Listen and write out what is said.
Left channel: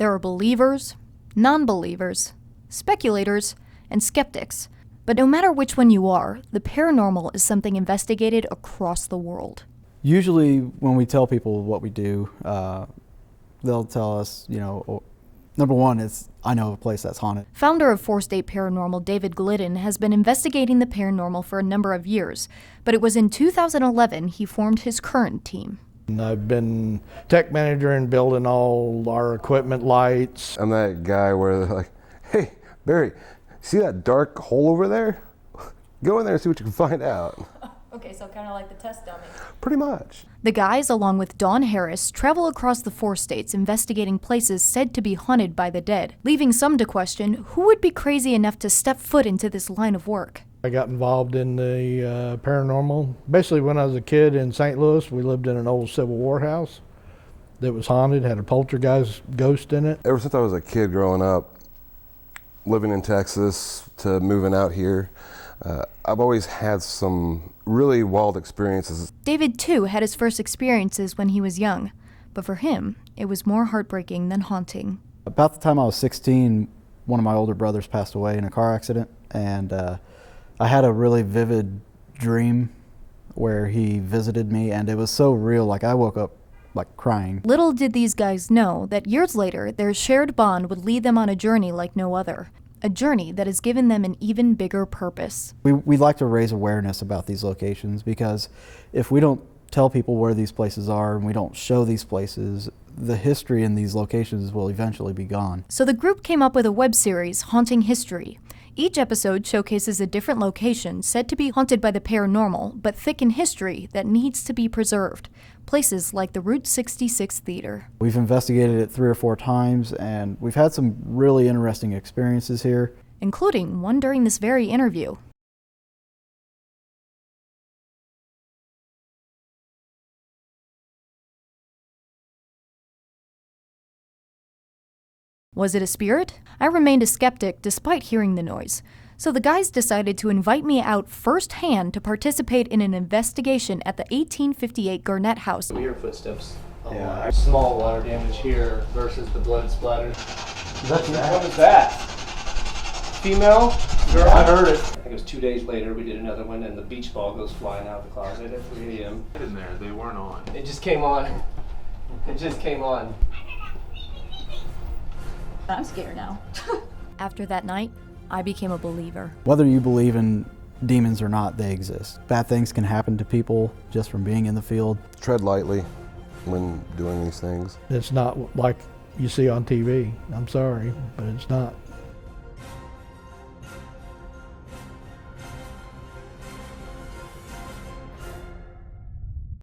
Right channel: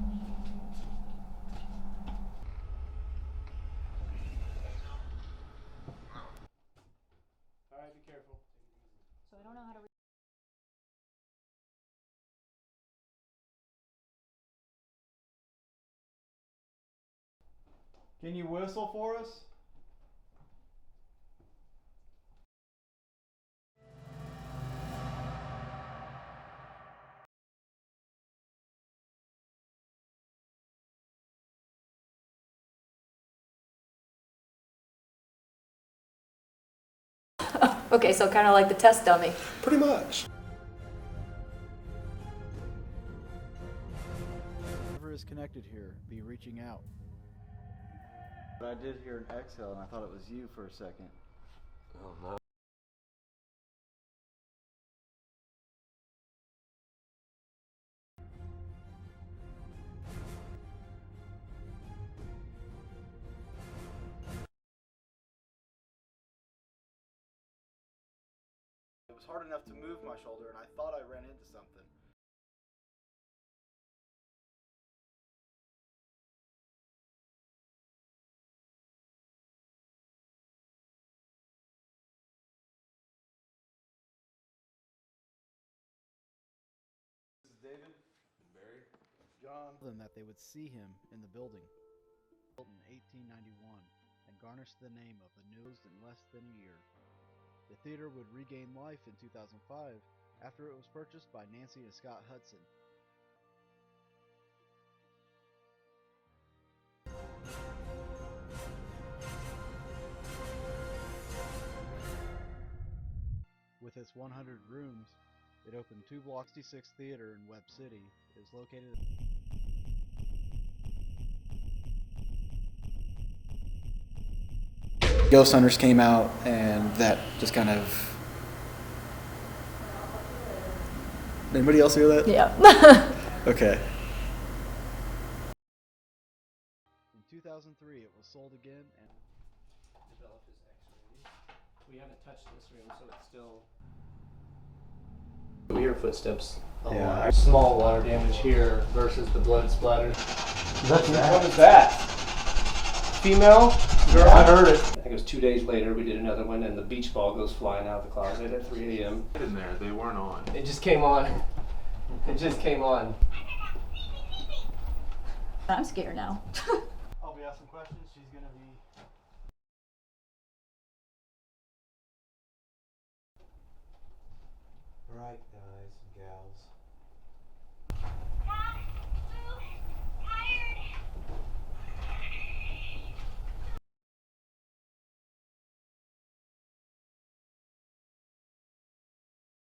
There are believers, non-believers, speculators, and skeptics. But no matter which one you are, the paranormal is something investigated across the world. Usually when we tell people what we do, they'll tell us, number one is, I know of a place that's haunted. Founder of 4-State Paranormal, David Glidden, has been investigating the paranormal for a number of years, but it was in 2011 he formed his current team. And I've been tech manager and building all our equipment, lights. I'm that guy where they're like, hey, Barry, see that dark hole over there? Go in there and see what you can find out. Okay, so kind of like the test dummy. Pretty much. The guys, along with Don Harris, travel across the 4 states investigating places said to be haunted by the dead, leaving some to question who would be crazy enough to step foot into this line of work. I got involved in the paranormal. Basically, when I was a kid in St. Louis, we lived in an old Civil War house that was haunted, had a poltergeist ghost in it. Ever since I was a kid growing up, living in Texas to moving out here, I've always had some really wild experiences. David, too, had his first experiences when he was young, but for him, it was more heartbreaking than haunting. About the time I was 16, one of my older brothers passed away in a car accident, and I had a really vivid dream where he visited me, and it was so real, like I woke up like crying. Little did these guys know that years later, their shared bond would lead them on a journey like no other. A journey that has given them an even bigger purpose. We like to raise awareness about these locations, because if we don't tell people where these places are and we don't show these places, the history in these locations will eventually be gone. So the group came up with a web series, Haunting History. Each episode showcases a different location said to be haunted by the paranormal, but thick in history that needs to be preserved. Places like the Route 66 Theater. We've investigated it 3 or 4 times, and we've had some really interesting experiences here. Including one during this very interview. Ghost hunters came out, and that just kind of... Anybody else hear that? Yeah. Okay. Was it a spirit? I remained a skeptic despite hearing the noise. So the guys decided to invite me out firsthand to participate in an investigation at the 1858 Garnett House. We hear footsteps. Yeah. Small water damage here versus the blood splatter. What was that? Female? Girl? Yeah, I heard it. I think it was 2 days later we did another one, and the beach ball goes flying out the closet at 3 a.m. In there, they weren't on. It just came on. It just came on. I'm scared now. After that night, I became a believer. Whether you believe in demons or not, they exist. Bad things can happen to people just from being in the field. Tread lightly when doing these things. It's not like you see on TV. I'm sorry, but it's not.